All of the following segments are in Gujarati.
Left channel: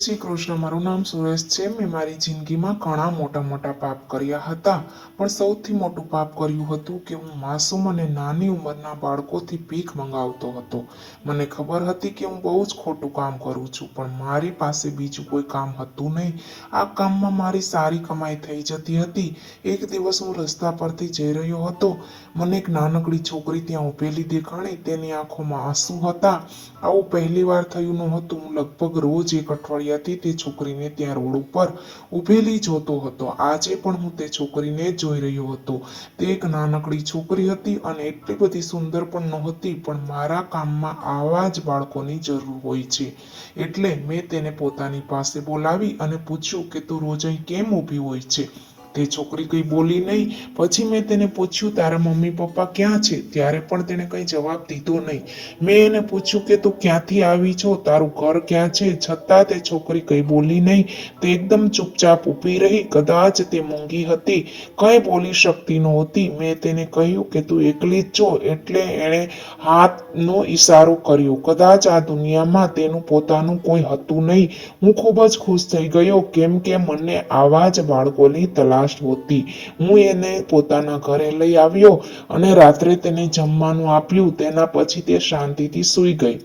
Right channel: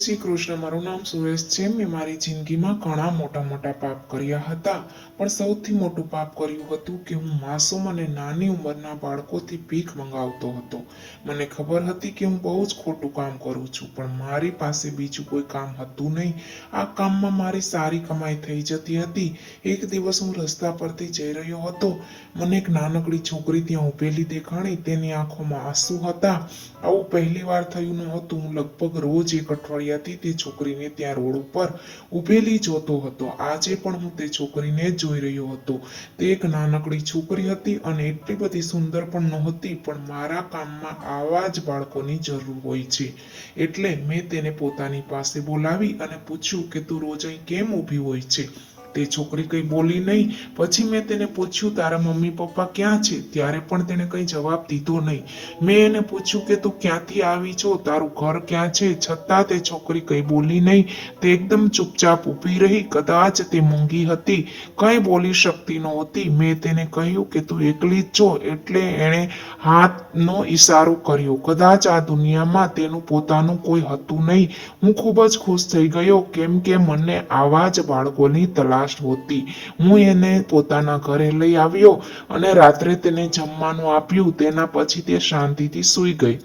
શ્રી કૃષ્ણ, મારું નામ સુરેશ છે। મેં મારી જિંદગીમાં ઘણા મોટા મોટા પાપ કર્યા હતા, પણ સૌથી મોટું પાપ કર્યું હતું કે હું માસૂમ અને નાની ઉંમરના બાળકોથી ભીખ મંગાવતો હતો। મને ખબર હતી કે હું બહુ જ ખોટું કામ કરું છું, પણ મારી પાસે બીજું કોઈ કામ હતું નહીં। આ કામમાં મારી સારી કમાઈ થઈ જતી હતી। એક દિવસ હું રસ્તા પરથી જઈ રહ્યો હતો, મને એક નાનકડી છોકરી ત્યાં ઊભેલી દેખાણી। તેની આંખોમાં આંસુ હતા। આવું પહેલી વાર થયું નહોતું। હું લગભગ રોજ એક અઠવાડિયાથી તે છોકરીને ત્યાં રોડ ઉપર ઊભેલી જોતો હતો। આજે પણ હું તે છોકરીને જ જોઈ રહ્યો હતો। તે એક નાનકડી છોકરી હતી અને એટલી બધી સુંદર પણ નહોતી, પણ મારા કામમાં આવા જ બાળકોની જરૂર હોય છે, એટલે મેં તેને પોતાની પાસે બોલાવી અને પૂછ્યું કે તું રોજ અહીં કેમ ઊભી હોય છે? તે છોકરી કંઈ બોલી નહીં। પછી મેં તેને પૂછ્યું, તારા મમ્મી પપ્પા ક્યાં છે? ત્યારે પણ તેણે કંઈ જવાબ દીધો નહીં। મેં એને પૂછ્યું કે તું ક્યાંથી આવી છો, તારું ઘર ક્યાં છે? છતાં તે છોકરી કંઈ બોલી નહીં। તે એકદમ ચૂપચાપ ઊભી રહી। કદાચ તે મૂંગી હતી, કંઈ બોલી શકતી નહોતી। મેં તેને કહ્યું કે તું એકલી જ છો, એટલે એણે હાથનો ઈશારો કર્યો। કદાચ આ દુનિયામાં તેનું પોતાનું કોઈ હતું નહીં। હું ખૂબ જ ખુશ થઈ ગયો, કેમ કે મને આવા જ બાળકોની તલાશ હતી। હું એને પોતાના ઘરે લઈ આવ્યો અને રાત્રે તેને જમવાનું આપ્યું। તેના પછી તે શાંતિથી સૂઈ ગઈ।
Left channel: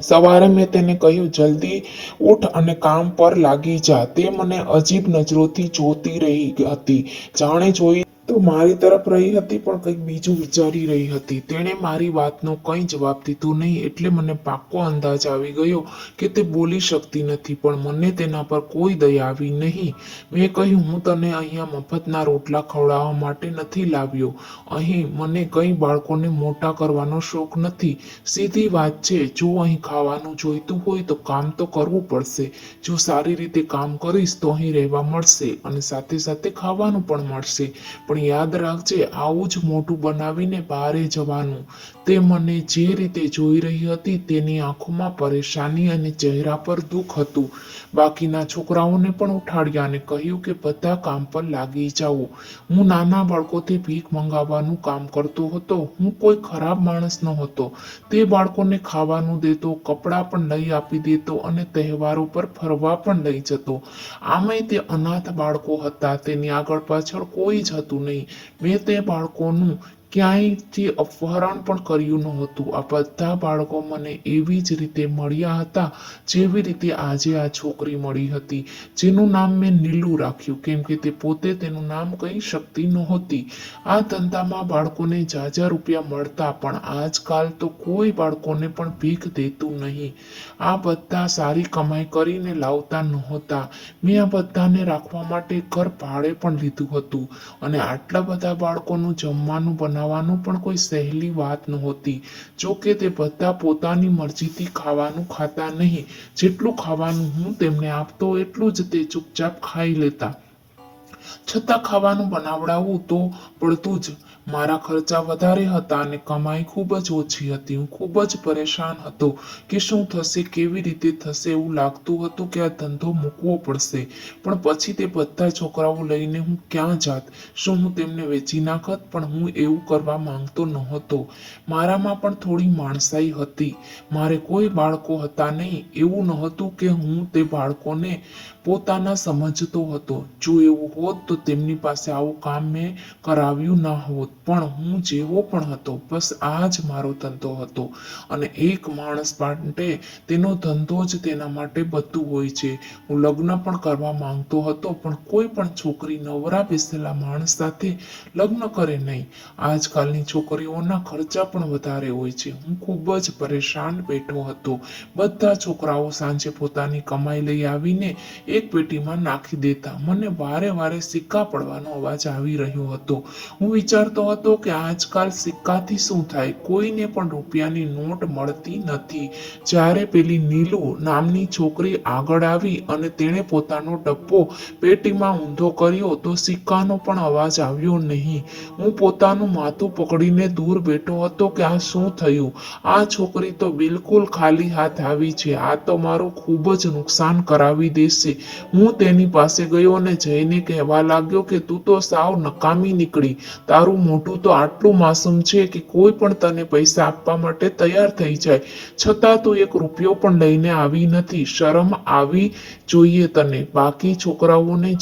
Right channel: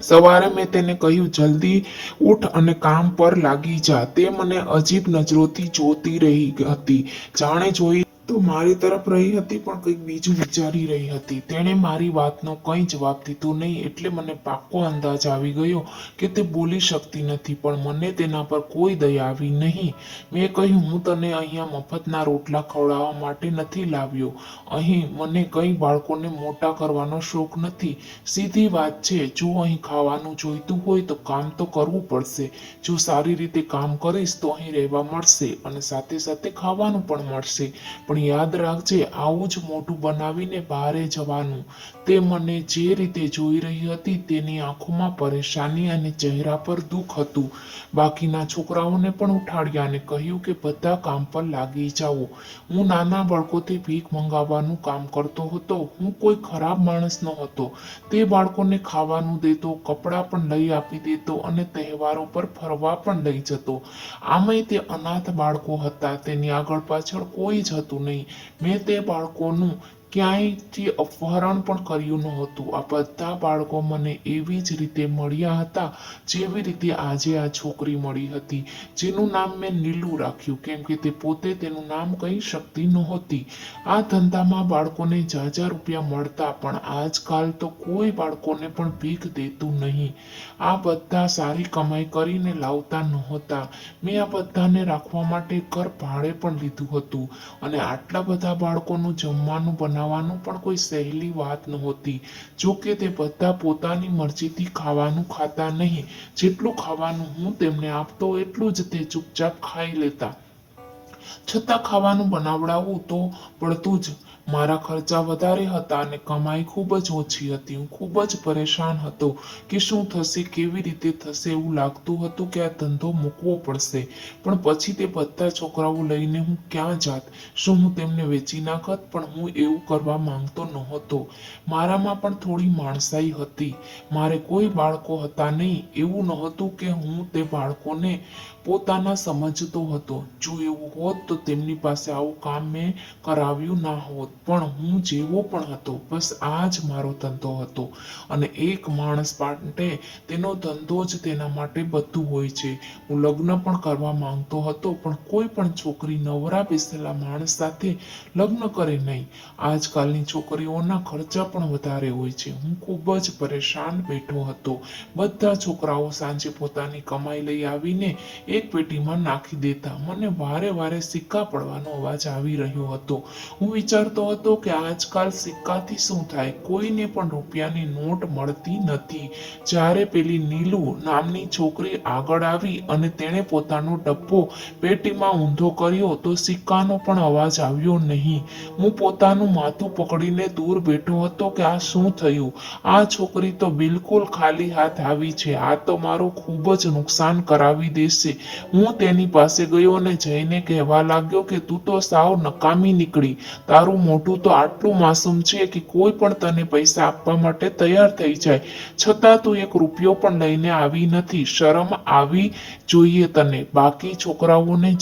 સવારે મેં તેને કહ્યું, જલ્દી ઉઠ અને કામ પર લાગી જા। તે મને અજીબ નજરોથી જોતી રહી હતી, જાણે જોઈ તો મારી તરફ રહી હતી, પણ કંઈક બીજું વિચારી રહી હતી। તેણે મારી વાતનો કંઈ જવાબ દીધો નહીં, એટલે મને પાક્કો અંદાજ આવી ગયો કે તે બોલી શકતી નથી, પણ મને તેના પર કોઈ દયા આવી નહીં। મેં કહ્યું, હું તને અહીંયા મફતના રોટલા ખવડાવવા માટે નથી લાવ્યો। અહીં મને કંઈ બાળકોને મોટા કરવાનો શોખ નથી। સીધી વાત છે, જો અહીં ખાવાનું જોઈતું હોય તો કામ તો કરવું પડશે। જો સારી રીતે કામ કરીશ તો અહીં રહેવા મળશે અને સાથે સાથે ખાવાનું પણ મળશે। પણ યાદ રાખજે, આવું જ મોઢું બનાવીને બહારે જવાનું। તે મને જે રીતે જોઈ રહી હતી, તેની આંખોમાં પરેશાની અને ચહેરા પર દુઃખ હતું। બાકીના છોકરાઓને પણ ઉઠાડ્યા અને કહ્યું કે બધા કામ પર લાગી જાઓ। હું નાના બાળકોથી ભીખ મંગાવવાનું કામ કરતો હતો। હું કોઈ ખરાબ માણસ ન હતો। તે બાળકોને ખાવાનું દેતો, કપડાં પણ લઈ આપી દેતો અને તહેવારો પર ફરવા પણ લઈ જતો। આમાંય તે અનાથ બાળકો હતા, તેની આગળ પાછળ કોઈ જ હતું નહીં। મેં તે બાળકોનું ક્યાંયથી અપહરણ પણ કર્યું નહોતું। આ બધા બાળકો મને એવી જ રીતે મળ્યા હતા, જેવી રીતે આજે આ છોકરી મળી હતી, જેનું નામ મેં નીલુ રાખ્યું, કેમ કે તે પોતે તેનું નામ કહી શકતી નહોતી। આ ધંધામાં બાળકોને જાજા રૂપિયા મળતા, પણ આજકાલ તો કોઈ બાળકોને પણ ભીખ દેતું નહીં। આ બધા સારી કમાઈ કરીને લાવતા નહોતા। મેં આ બધાને રાખવા માટે ઘર ભાડે પણ લીધું હતું, અને આટલા બધા બાળકોનું જમવાનું બનાવવાનું પણ કોઈ સહેલી વાત નહોતી। જો કે તે બધા પોતાની મરજીથી ખાવાનું ખાતા નહીં। જેટલું ખાવાનું હું તેમને આપતો, એટલું જ તે ચૂપચાપ ખાઈ લેતા। છતાં ખાવાનું બનાવડાવવું તો પડતું જ। મારા ખર્ચા વધારે હતા અને કમાઈ ખૂબ જ ઓછી હતી। હું ખૂબ જ પરેશાન હતો કે શું થશે, કેવી રીતે થશે। એવું લાગતું હતું કે આ ધંધો મૂકવો પડશે, પણ પછી તે બધા છોકરાઓ લઈને હું ક્યાં જાત? શું હું તેમને વેચી નાખત? પણ હું એવું કરવા માંગતો નહોતો। મારામાં પણ થોડી માણસાઈ હતી। મારે કોઈ બાળકો હતા નહીં। એવું નહોતું કે હું તે બાળકોને પોતાના સમજતો હતો। જો એવું હોત તો તેમની પાસે આવું કામ મેં કરાવ્યું ના હોત, પણ હું જેવો પણ હતો, બસ આ જ મારો ધંધો હતો। અને એક માણસ માટે તેનો ધંધો જ તેના માટે બધું હોય છે। હું લગ્ન પણ કરવા માંગતો હતો, પણ કોઈ પણ છોકરી નવરા બેસેલા માણસ સાથે લગ્ન કરે નહીં। આજકાલની છોકરીઓના ખર્ચા પણ વધારે હોય છે। હું ખૂબ જ પરેશાન બેઠો હતો। બધા છોકરાઓ સાંજે પોતાની કમાઈ લઈ આવીને એક પેટીમાં નાખી દેતા। મને વારે વારે સિક્કા પડવાનો અવાજ આવી રહ્યો હતો। હું વિચારતો હતો કે આજકાલ સિક્કાથી શું થાય? કોઈને પણ રૂપિયાની નોટ મળતી નથી। જ્યારે પેલી નીલુ નામની છોકરી આગળ આવી અને તેણે પોતાનો ડબ્બો પેટીમાં ઊંધો કર્યો, તો સિક્કાનો પણ અવાજ આવ્યો નહીં। હું પોતાનું માથું પકડીને દૂર બેઠો હતો કે આ શું થયું? આ છોકરી તો બિલકુલ ખાલી હાથ આવી છે। આ તો મારું ખૂબ જ નુકસાન કરાવી દેશે। હું તેની પાસે ગયો અને જઈને કહેવા લાગ્યો કે તું તો સાવ નકામી નીકળી। તારું મોઢું મોઢું તો આટલું માસૂમ છે કે કોઈ પણ તને પૈસા આપવા માટે તૈયાર થઈ જાય, છતાં તું એક રૂપિયો પણ લઈને આવી નથી. શરમ આવી જોઈએ તને. બાકી છોકરાઓને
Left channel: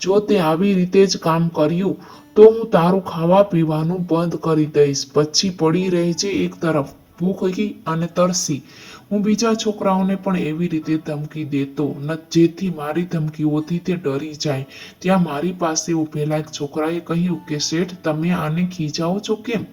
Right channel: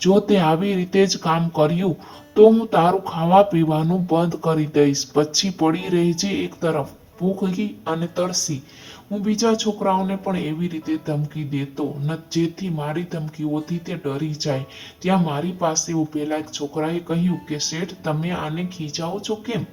જો તે આવી રીતે જ કામ કર્યું તો હું તારું ખાવા પીવાનું બંધ કરી દઈશ. પછી પડી રહેજે એક તરફ ભૂખી અને તરસી. હું બીજા છોકરાઓને પણ એવી રીતે ધમકી દેતો જેથી મારી ધમકીઓથી તે ડરી જાય. ત્યાં મારી પાસે ઉભેલા એક છોકરાએ કહ્યું કે શેઠ, તમે આને ખીજાવો છો કેમ?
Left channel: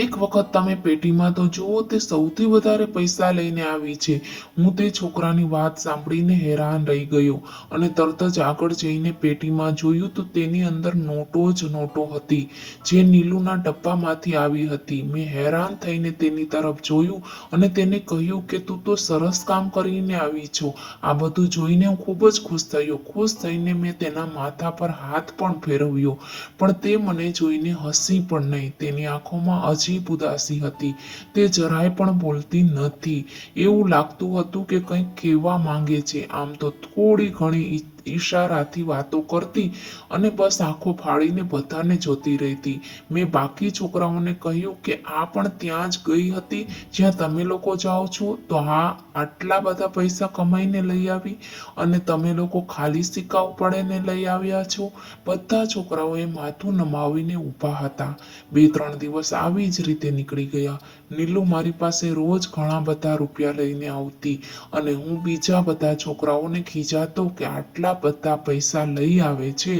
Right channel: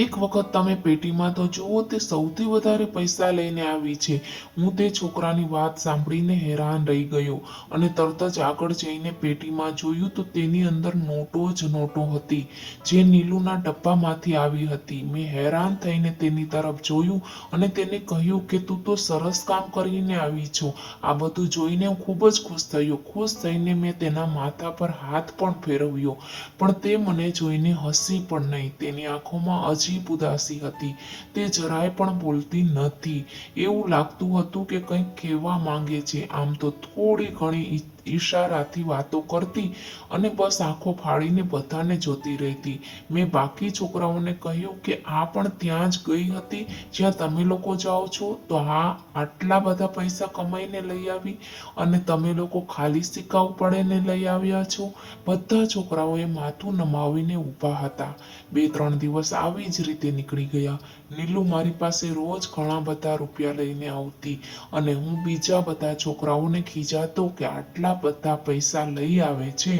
એક વખત તમે પેટીમાં તો જુઓ, તે સૌથી વધારે પૈસા લઈને આવી છે. હું તે છોકરાની વાત સાંભળીને હેરાન રહી ગયો અને તરત જ આગળ જઈને પેટીમાં જોયું તો તેની અંદર નોટો જ નોટો હતી, જે નીલુના ડબ્બામાંથી આવી હતી. મેં હેરાન થઈને તેની તરફ જોયું અને તેને કહ્યું કે તું તો સરસ કામ કરીને આવી છો. આ બધું જોઈને હું ખૂબ જ ખુશ થયો. ખુશ થઈને મેં તેના માથા પર હાથ પણ ફેરવ્યો, પણ તે મને જોઈને હસી પણ નહીં. તેની આંખોમાં અજીબ ઉદાસી હતી. તે જરાય પણ બોલતી નહોતી. એવું લાગતું હતું કે કંઈક કહેવા માંગે છે. આમ તો થોડી ઘણી ઈશારાથી વાતો કરતી અને બસ આંખો ફાડીને બધાને જોતી રહેતી. મેં બાકી છોકરાઓને કહ્યું કે આ પણ ત્યાં જ ગઈ હતી જ્યાં તમે લોકો જાઓ છો, તો હા, આટલા બધા પૈસા કમાઈને લઈ આવી અને તમે લોકો ખાલી સિક્કા ઉપાડીને લઈ આવ્યા છો. બધા છોકરાઓએ માથું નમાવીને ઊભા હતા. 2-3 દિવસ આવી જ રીતે નીકળી ગયા. નીલુ મારી પાસે રોજ ઘણા બધા રૂપિયા લઈને આવતી અને હું બીજા બધા છોકરાઓને ખીજાતો કે આટલા બધા પૈસા લઈ આવે છે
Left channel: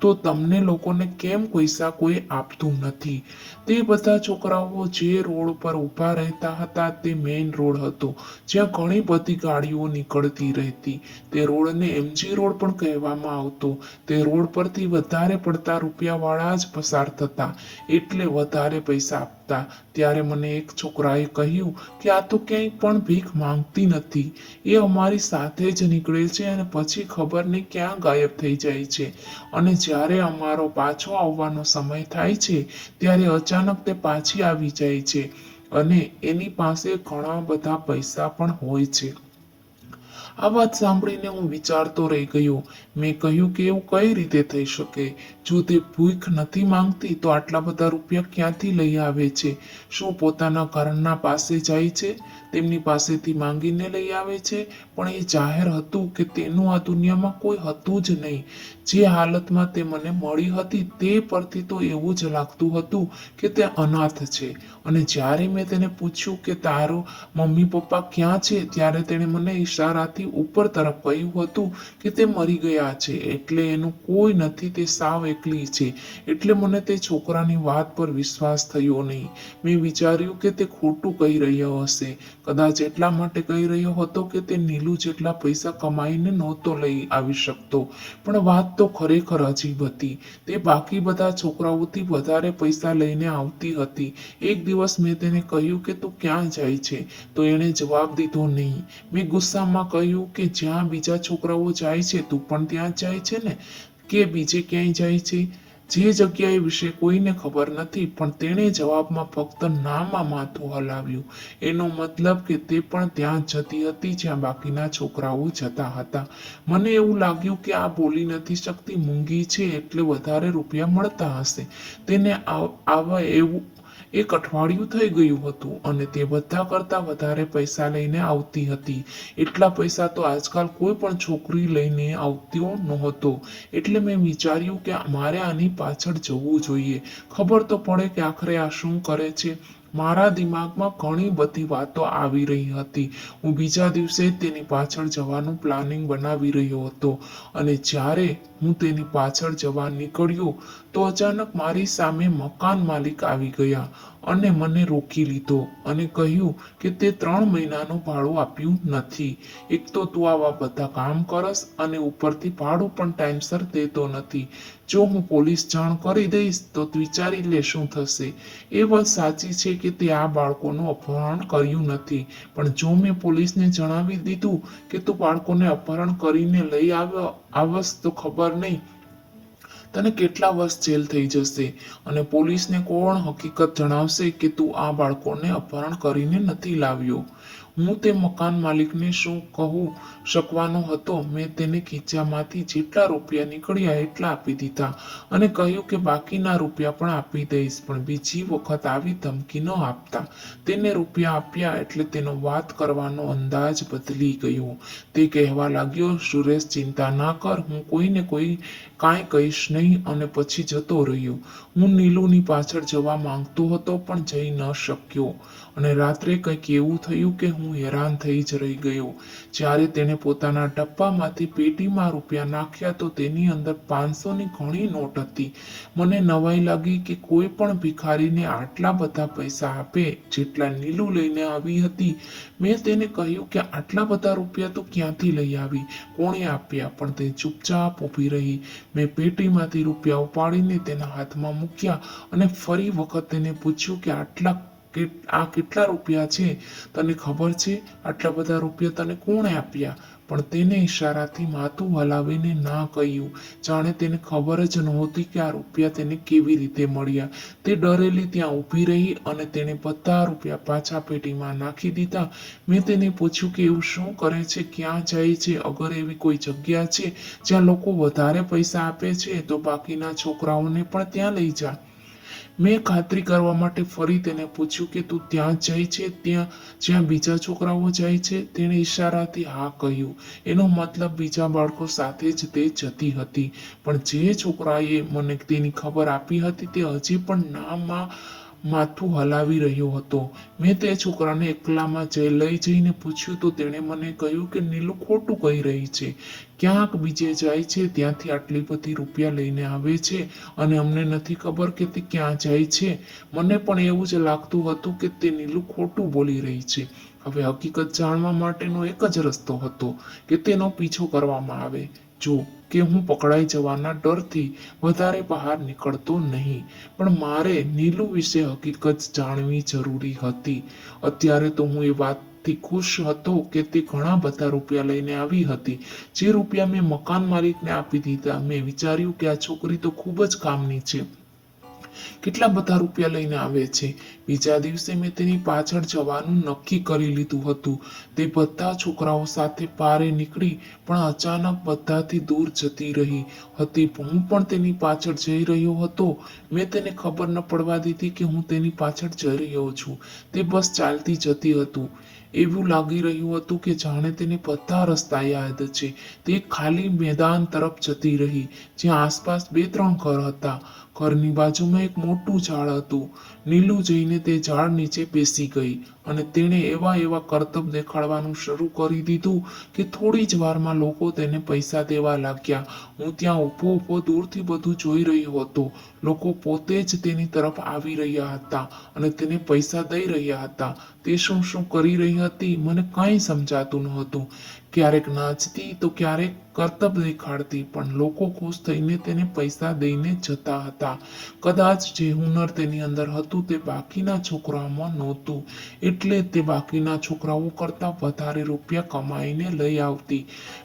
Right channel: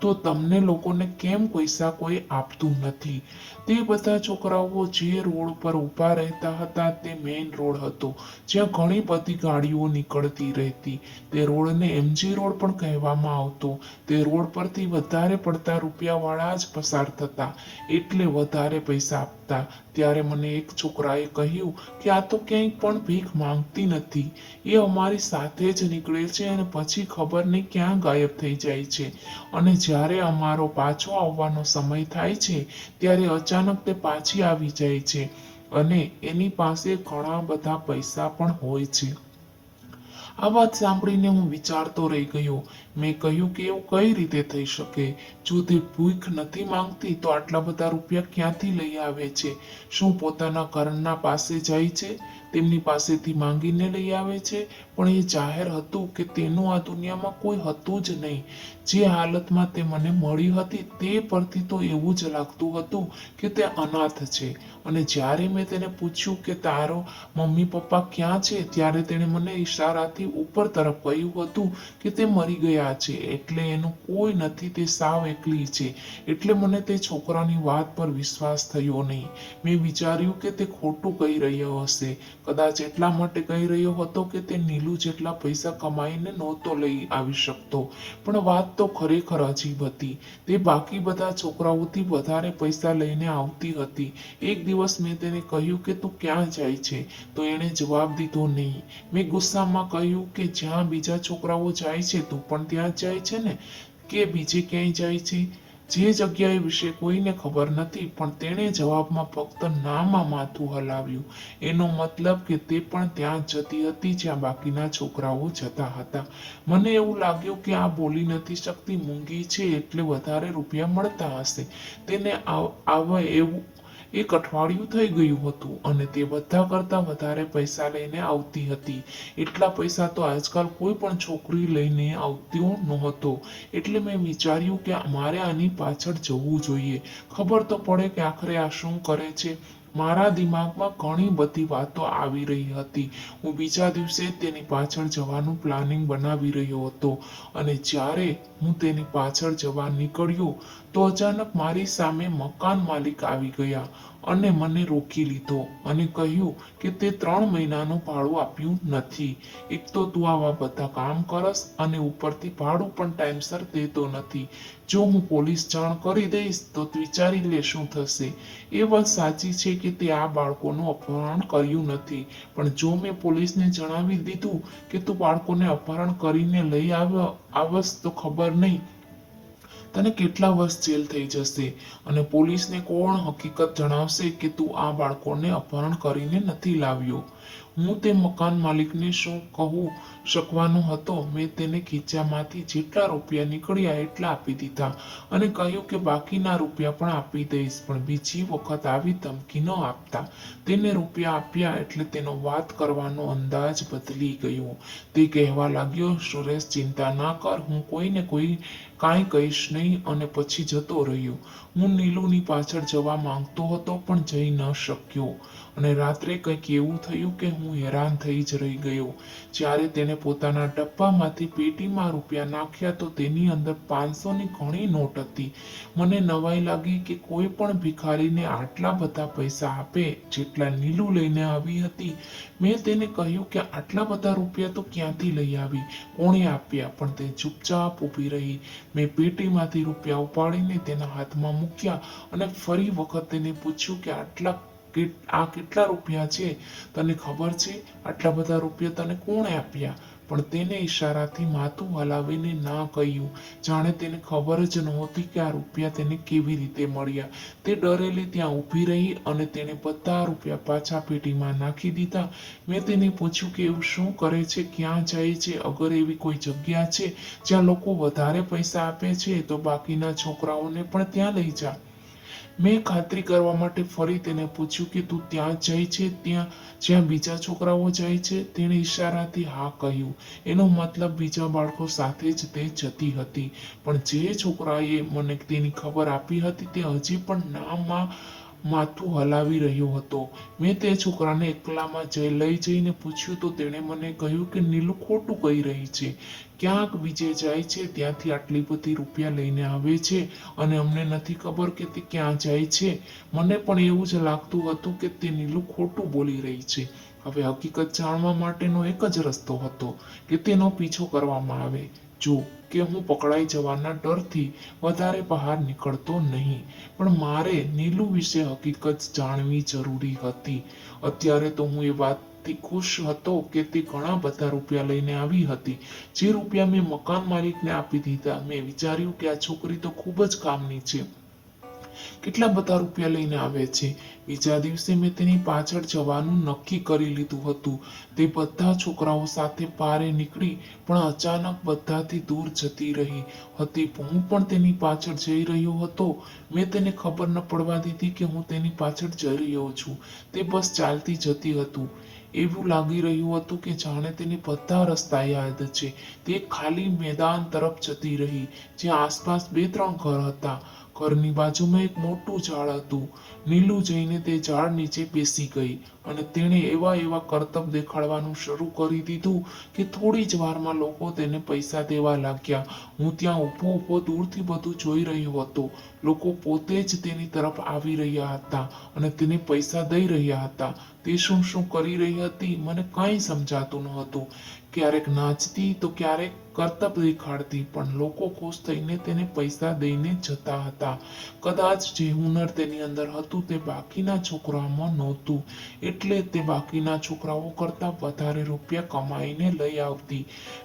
તો તમને લોકોને કેમ પૈસા કોઈ આપતું નથી. તે બધા છોકરાઓ જે રોડ પર ઊભા રહેતા હતા તે મેઇન રોડ હતો, જ્યાં ઘણી બધી ગાડીઓ નીકળતી રહેતી. તે રોડને MG રોડ પણ કહેવામાં આવતો. તે રોડ પરથી વધારે પડતા રૂપિયાવાળા જ પસાર થતા, એટલે વધારે પૈસા આપતા. ત્યારે મને એક છોકરાએ કહ્યું કે આ તો ક્યાંય પણ ભીખ માંગતી નથી, એ અમારી સાથે જ નીકળે છે અને પછી ખબર નહીં ક્યાં ગાયબ થઈ જાય છે, અને જ્યારે અમારો પાછો આવવાનો સમય થાય છે ત્યારે અચાનક તે પાછી આવી જાય છે અને એની પાસે ઘણા બધા પૈસા પણ હોય છે. આ વાત સાંભળીને હું વિચારતો રહી ગયો. મેં કહ્યું કે એવું કઈ રીતે થઈ શકે? જો તે ભીખ નથી માંગતી તો આટલા બધા રૂપિયા ક્યાંથી લઈ આવે છે? શું પોતાના ઘરના પાસે જાય છે, તેમની પાસેથી માંગીને લઈ આવે છે? પણ એ જાહેર હતું કે તેનું આ દુનિયામાં કોઈ હતું જ નહીં. જે હાલતમાં તે મને મળી હતી તે પરથી તો એવું જ લાગતું હતું કે તે અનાથ છે. અને જ્યારે મેં તેને પૂછ્યું કે તારો મમ્મી પપ્પા ક્યાં છે, ત્યારે તેણે મને ઈશારાથી ઉપર તરફ કહ્યું હતું કે તે મરી ગયા છે, એટલે એનું કોઈ નથી, તે સાવ એકલી છે. એટલે મને તે છોકરાની વાત પર વિશ્વાસ થયો નહીં. મેં વિચાર્યું કે તે ખોટું કહી રહ્યો હશે. કદાચ એટલા માટે કહી રહ્યો હતો કે તે નીલુ જેટલા પૈસા કમાઈને નહોતો લઈ આવી શકતો. પણ વાત તો ખરેખર અજીબ હતી. તે બાકી બધા છોકરાઓથી વધારે પૈસા લઈને આવતી હતી. એક દિવસ મેં તેને કહ્યું કે તું ક્યાં જાય છે, તો એણે જવાબ દીધો નહીં. મેં ગુસ્સામાં કહ્યું કે જ્યાં બીજા છોકરાઓ જાય છે તું પણ ત્યાં જાય છે ને, કે બીજે ક્યાંય જાય છે? જે જગ્યાએ વિશે કોઈને ખબર નથી, પણ તેણે જવાબમાં ફક્ત નામાં માથું હલાવ્યું. એનો મતલબ કે તે પણ ત્યાં જતી હતી જ્યાં બાકીના છોકરાઓ જતા હતા. મને એવું લાગ્યું કે આ બોલી નથી શકતી, મૂંગી છે, એટલે વધારે રૂપિયા મળતા હશે. તેને આવે એવું 1 અઠવાડિયું થઈ ગયું હતું અને તે બધા કરતા વધારે પૈસા લઈને આવતી હતી. એટલા પૈસા તો આજકાલ કોઈ પણ છોકરી લઈને આવતી નહોતો. એટલે મેં વિચાર્યું કે મારે આની પાછળ જવું જોઈએ, ખબર તો પડે કે આખરે આ શું કરે છે. મારા દિમાગમાં ઘણી બધી વાતો આવી રહી હતી. હું બીજા દિવસે તેની પાછળ જવાનું પ્લાનિંગ બનાવી રહ્યો હતો અને જ્યારે હું તેની પાછળ જવા નીકળ્યો તો અચાનક મારી સામે મકાન માલિક આવી ગયા અને મને રોકી લીધો અને કહ્યું કે તે 3 મહિનાનું ભાડું આપ્યું નથી. એક તો તું આવા બધા કામ કરસ અને ઉપરથી ભાડું પણ ટાઈમસર દેતો નથી. જો હું પોલીસ જાણ કરી દઈશ તો વિચારી લે શું થશે. એ વાત સાચી છે કે તે આ બાળકોનું અપહરણ કર્યું નથી, પણ જો મેં પોલીસને જણાવી દીધું કે તું બાળકોને અપહરણ કરીને લઈ આવસ તો ખબર નહીં તને કેટલા વર્ષ જેલ થઈ જશે, અને પોલીસને કોણ હકીકત જણાવશે કે તું આ બાળકોને અપહરણ કરીને નથી લાવ્યો. હું તે મકાન માલિકને શું કહું શકવાનો હતો. મેં તેને ખીચામાંથી જેટલા રૂપિયા નીકળ્યા એટલા આપી દીધા અને કહ્યું કે બાકીના રૂપિયા પણ આપી દઈશ, પણ બીજી વખત આવી ધમકી ન આપતા. તેને રૂપિયા આપ્યા એટલે તેનો વાત કરવાનો અંદાજ બદલી ગયો. તે કહેવા લાગ્યો, સુરેશ, ચિંતા ના કર, હું કોઈને કાંઈ કહીશ નહીં, અને પછી જતો રહ્યો. હું નીલુની પાછળ જવા માંગતો હતો પણ જઈ ન શક્યો, અને રાત્રે કંઈક એવું થયું કે હું હેરાન થઈ જ રહી ગયો. જ્યારે તેણે પોતાના ડબ્બામાંથી પેટીમાં રૂપિયા નાખ્યા તો તેની અંદર 500ની ઘણી નોટ હતી. મને નવાઈ લાગી કે કોઈ પણ ભિખારીને આટલા બધા પૈસા આપે જેટલા નીલુ લઈને આવી હતી. મેં તેને કહ્યું કે આટલા બધા રૂપિયા તો ક્યાંથી લઈ આવી, કોણે આપ્યા, પણ તે ચૂપચાપ ઊભી રહી. મેં પેટીમાંથી રૂપિયા ઉપાડીને તેના હાથમાં મૂક્યા અને ફરી વખત તેને પૂછ્યું કે આ કેટલા રૂપિયા છે, તને ખબર છે? આટલા બધા રૂપિયા તને કોણે આપ્યા? પણ તેને ઈશારાથી માથું હલાવીને ના કહ્યું, જાણે તેને ખબર જ નહોતી કે આ રૂપિયા તેને કેવી રીતે મળ્યા. તે ડરેલી ત્યાં ઊભી રહી અને તેણે બધા રૂપિયા પાછા પેટીમાં નાખી દીધા. મેં તેને પૂછ્યું કે એવું શું કરે છે, ક્યાં જાય છે? અગર એવી કોઈ જગ્યા છે જ્યાં લોકો વધારે પૈસા આપે છે તો બાકીના છોકરાઓને પણ ત્યાં લઈ જા. મેં ખાતરી કરવા માટે ફરી તેને પૂછ્યું કે તું ત્યાં જાય છે, જ્યાં બીજા છોકરાઓ જાય છે? તેણે ઈશારાથી હા કહ્યું. એનો મતલબ બીજા બાળકો સાથે જ તે જતી હતી. પણ જે છોકરાએ મને તેની ખબર આપી હતી તે હજી પણ નામાં માથું હલાવી રહ્યો હતો. મેં તે છોકરાને એકલામાં લઈ જઈને પૂછ્યું તો તેણે મને કહ્યું કે નીલુ ખોટું કહી રહી છે. ક્યાંક બીજે જાય છે, ત્યાંથી આટલી બધી રૂપિયા લઈને આવે છે અને અમને નથી ખબર કે તે ક્યાં જાય છે. મને પણ એવું જ લાગતું હતું કે તે નીલુ ખોટું બોલી રહી છે. હવે હકીકત જાણવા માટેનો એક જ રસ્તો હતો કે તેનો પીછો કરવામાં આવે. જો કે હું પકડાઈ જવાના ડરથી વધારે બહાર નીકળતો નહીં, પણ મારે નીલુ વિશે હકીકત જાણવી જરૂરી હતી. અત્યારે તો હું એ વાતથી ખુશ હતો કે તે ઘણા બધા રૂપિયા લઈને આવી હતી. જે રૂપિયા મેં મકાન માલિકને આપી દીધા. મેં વિચાર્યું કે આ છોકરી તો ખૂબ જ કામની છે, કેટલા બધા રૂપિયા લઈને આવે છે. બીજા દિવસે મેં તેની પાછળ જવાનું નક્કી કરી લીધું હતું. તે બધા છોકરાઓ સાથે પારે નીકળી પણ અચાનક બધાથી દૂર જતી રહી હતી. હું પણ તેની પાછળ જઈ રહ્યો હતો. મેં તેને ખબર ન પડવા દીધી કે હું તેની પાછળ જઈ રહ્યો છું. તે બસ ચાલતી જતી હતી. એવું લાગી રહ્યું હતું કે જાણે તેને બધા રસ્તા યાદ છે. તે ખાલી મેદાન તરફ જતી રહી જ્યાં આસપાસ 2-3 ઘર હતા. ઘરની બાજુમાં એક મોટું ઝાડ હતું. નીલુ જઈને તે ઝાડ નીચે બેસી ગઈ અને તેણે એવા કરતબ દેખાડવાનું શરૂ કરી દીધું કે થોડી જ વારમાં લોકો તેને પૈસા દેવા લાગ્યા. હું ત્યાં ઊભો દૂરથી બધું જોઈ રહ્યો હતો. લોકો પોતે જ તેની તરફ આવી રહ્યા હતા અને તેને પૈસા દઈ રહ્યા હતા. તે શું કરી રહી હતી મને કંઈ સમજાતું ન હતું. ક્યારેક નાચતી તો ક્યારેક કરતબ દેખાડતી, પણ લોકો ખુશ થઈને તેને પૈસા દઈને જતા હતા. કદાચ જે હુનર તેની અંદર હતું તે બાકીના છોકરાઓમાં નહોતું, એટલે તે બાકીના છોકરાઓ કરતાં વધારે રૂપિયા કમાઈને લઈ આવતી.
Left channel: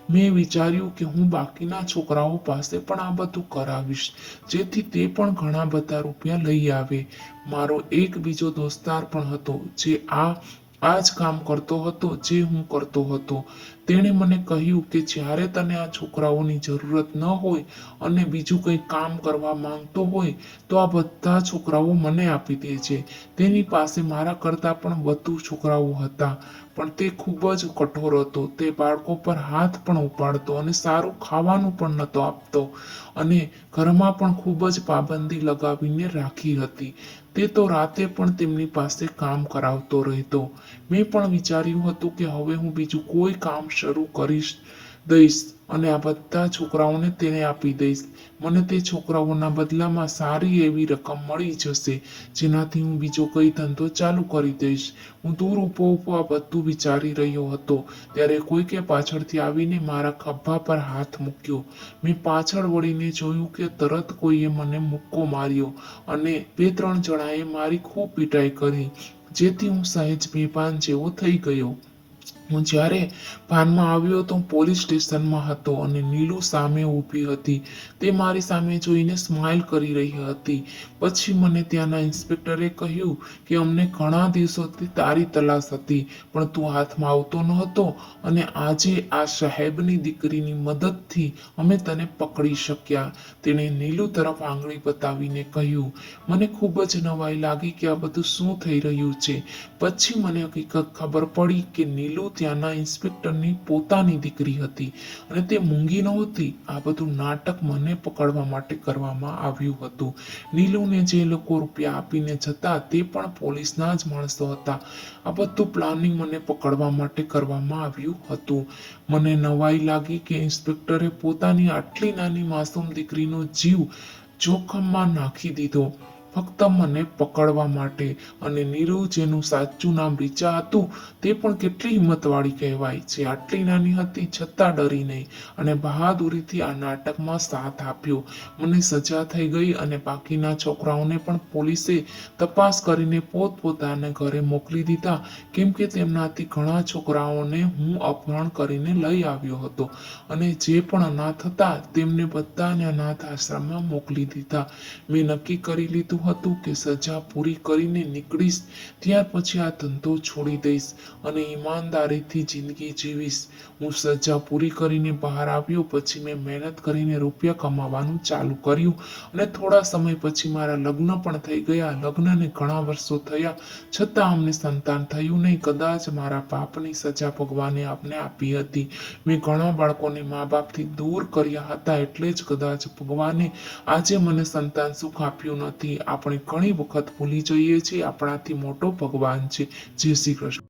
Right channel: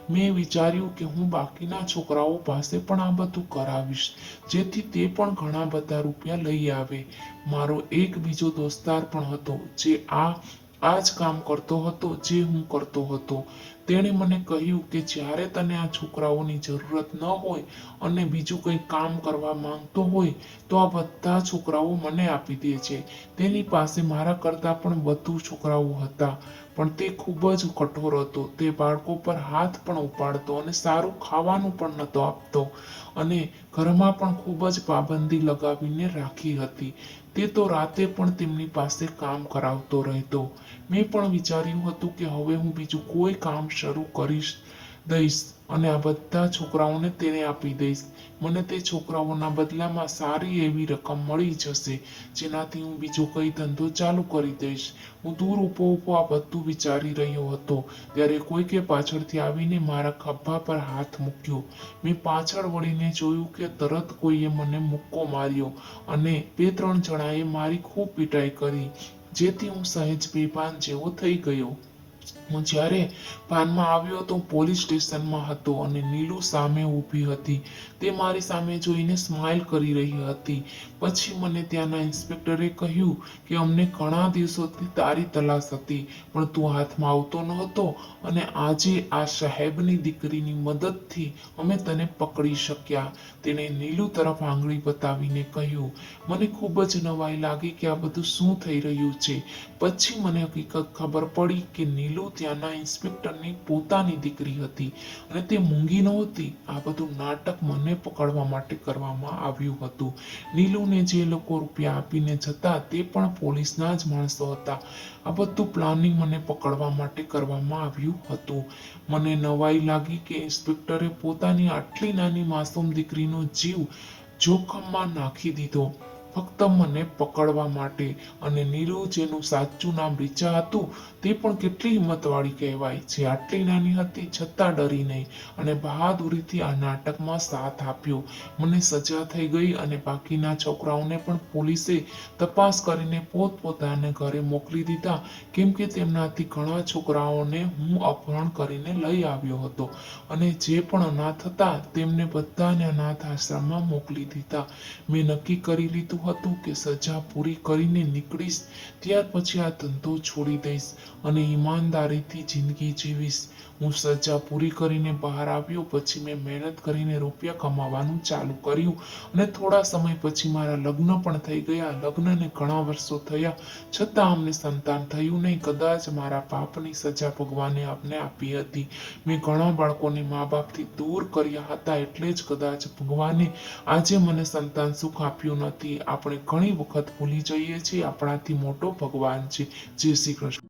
મેં વિચાર્યું કે હું બાકીના છોકરાઓ પાસે પણ આ બધું કરાવીશ, જેથી તે પણ ઘણા બધા રૂપિયા લઈ આવે. મારો એક બીજો દોસ્તાર પણ હતો જે આ જ કામ કરતો હતો જે હું કરતો હતો. તેણે મને કહ્યું કે જ્યારે તને આ છોકરાઓની જરૂરત ન હોય અને બીજું કંઈ કામ કરવા માંગતો હોય તો આ બધા છોકરાઓ મને આપી દે છે. તેની પાસે મારા કરતાં પણ વધુ છોકરાઓ હતા, પણ તે ખૂબ જ કઠોર હતો. તે બાળકો પર હાથ પણ ઉપાડતો અને સારું ખાવાનું પણ નહોતો આપતો અને ઘરમાં પણ ખૂબ જ પાબંદી લગાવીને રાખી હતી. તે તો રાતે પણ તેમની પાસે કામ કરાવતો રહેતો. મેં પણ વિચાર્યું હતું કે હવે હું બીજું કોઈ કામ શરૂ કરી દઈશ અને આ બધા છોકરાઓને તેને આપી દઈશ. મને તે છોકરાઓના બદલામાં સારી એવી રકમ મળી જશે, જેનાથી હું બીજો કોઈ ધંધો ચાલુ કરી દઈશ. હું દૂર ઊભો આ બધું વિચારી રહ્યો હતો ત્યારે કોઈકે પાછળથી આવીને મારા ખભા પર હાથ મૂક્યો. મેં પાછળ વળીને જોયું કે તરત કોઈએ મને મુક્કો માર્યો અને 2-3 જણાએ મારી ખૂબ પીટાઈ કરી, જેથી હું સહેજ બેભાન જેવો થઈ ગયો. હું જ્યારે ભાનમાં આવ્યો તો પોલીસ સ્ટેશનમાં હતો અને નીલુ સામે ઊભી હતી. તે મારી સામે જોઈને સ્માઇલ કરી રહી હતી. પછી મને ત્યાંના ઇન્સ્પેક્ટરે કહ્યું કે અમને ઘણા દિવસોથી તારી તલાશ હતી, પણ તું હાથમાં આવતો ન હતો અને આજે આ સાહેબની દીકરીની મદદથી અમે તને પકડી શક્યા. તેણે નીલુ તરફ આંગળી બતાવીને કહ્યું. મને ખૂબ જ નવાઈ લાગી કે આ બધું શું થઈ રહ્યું છે. પછી મને હકીકત ખબર પડી કે નીલુ ત્યાંના ઇન્સ્પેક્ટરની પોતાની દીકરી હતી અને તે મૂંગી નહોતી. આ બધું નાટક મને પકડવા માટે કરવામાં આવ્યું હતું. નીલુને જે લોકો રૂપિયા આપીને જતા તે પણ પોલીસના જ માણસો હતા. આ બધું પ્લાનિંગ મને પકડવા માટે કરવામાં આવ્યું હતું. મને નવાઈ લાગી કે ઇન્સ્પેક્ટરે પોતાની આટલી નાની માસૂમ દીકરીનો જીવ જોખમમાં નાખી દીધો ફક્ત મને પકડવા માટે. અને નીલુ, જેનું સાચું નામ રીચા હતું, તે પણ કેટલી હિંમતવાળી કહેવાય, જે આટલી નાની હતી છતાં ડરી નહીં અને બહાદુરીથી આ નાટકમાં સાથ આપ્યો. મને સજા થઈ ગઈ અને બાકીના છોકરાઓને પણ પોલીસે તપાસ કરીને પોતપોતાના ઘરે મોકલી દીધા, કેમ કે તેમનાથી ઘણા છોકરાઓને હું અપહરણ કરીને લઈ આવ્યો હતો અને જે પણ અનાથ હતા તેમને બધાને અનાથ આશ્રમમાં મોકલી દીધા. મેં નક્કી કરી લીધું હતું કે સજા પૂરી કરીને નીકળીશ ત્યાર પછી આ ધંધો છોડી દઈશ અને ઈમાનદારીથી જિંદગી જીવીશ. હું સજા પૂરી કરીને બહાર આવ્યો પછી મેં મહેનત કરીને રૂપિયા કમાવાનું ચાલુ કર્યું અને થોડા સમય પછી મારા લગ્ન પણ થઈ ગયા. લગ્નને ઘણા વર્ષો થયા છતાં અમને સંતાન થયું નહીં. કદાચ મારા પાપની સજા ભગવાને આપને આપી હતી. મેં ઘણા બાળકોને મા બાપથી દૂર કર્યા હતા, એટલે જ કદાચ ભગવાને આજે મને સંતાન સુખ આપ્યું નથી. આપણે ઘણી વખત ભૂલી જઈએ છીએ આપણાથી મોટો ભગવાન છે. જય શ્રી કૃષ્ણ.